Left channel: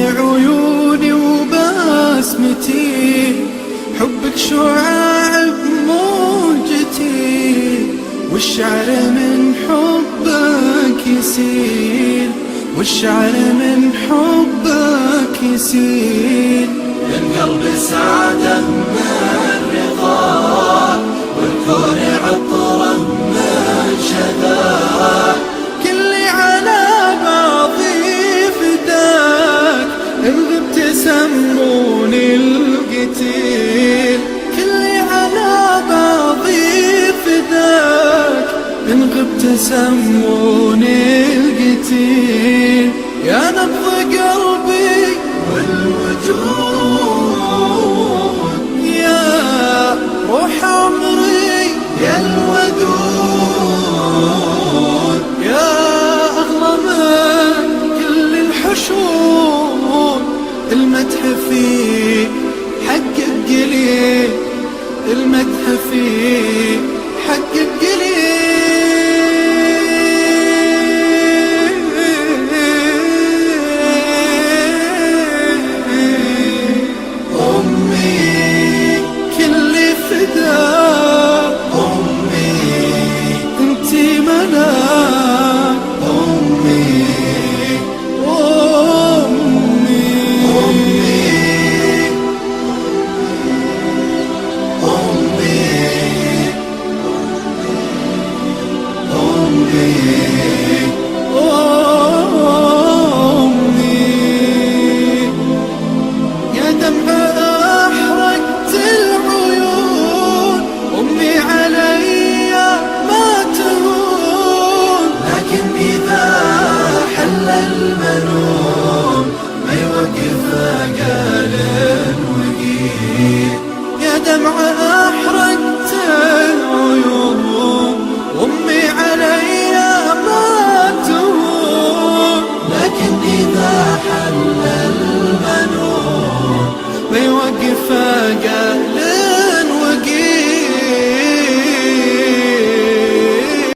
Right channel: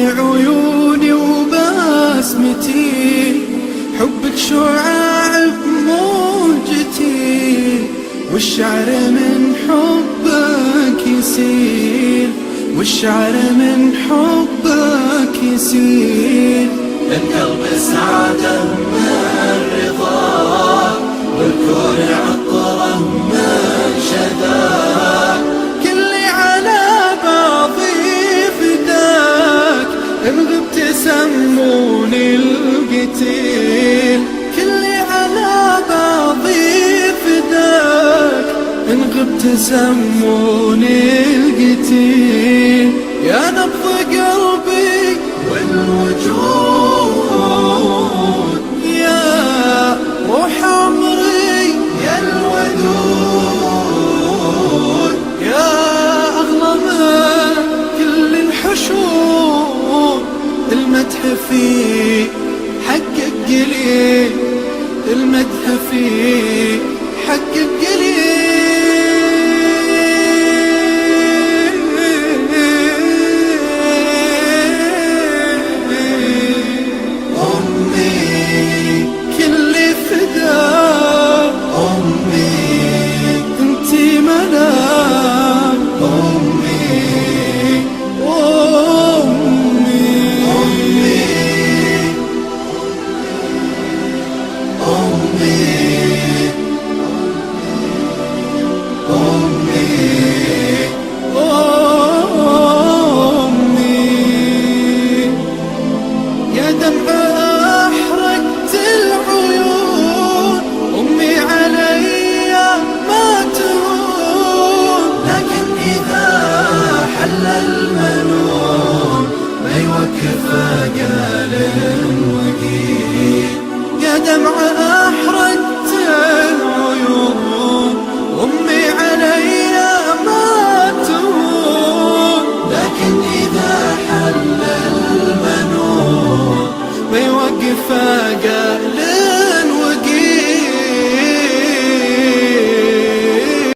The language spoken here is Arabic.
عيوني وبسمتي، حبك شعاع بموجتي، والشعر من حبك يسيل، والشعر من حبك يسيل. للقلب سعادة من الرضا، والكون عطره من شذاك. كلي على بعضي فداك، إن غبت سموني القتيل. كلي على بعضي فداك، إن غبت سموني القتيل. يا نبض قلبي والوجود، يا روح عمري، يا الودود، يا أغلى من كل الحشود. المدح فيه حقك قليل، المدح فيه حقك قليل. كل فداء أمي، انتي ملاك أمي، أمي. أمي يا دمعة أحرقت العيون، أمي علي ما تهون. لكن إذا حل المنون ما يوقف قال وقيل. يا دمعة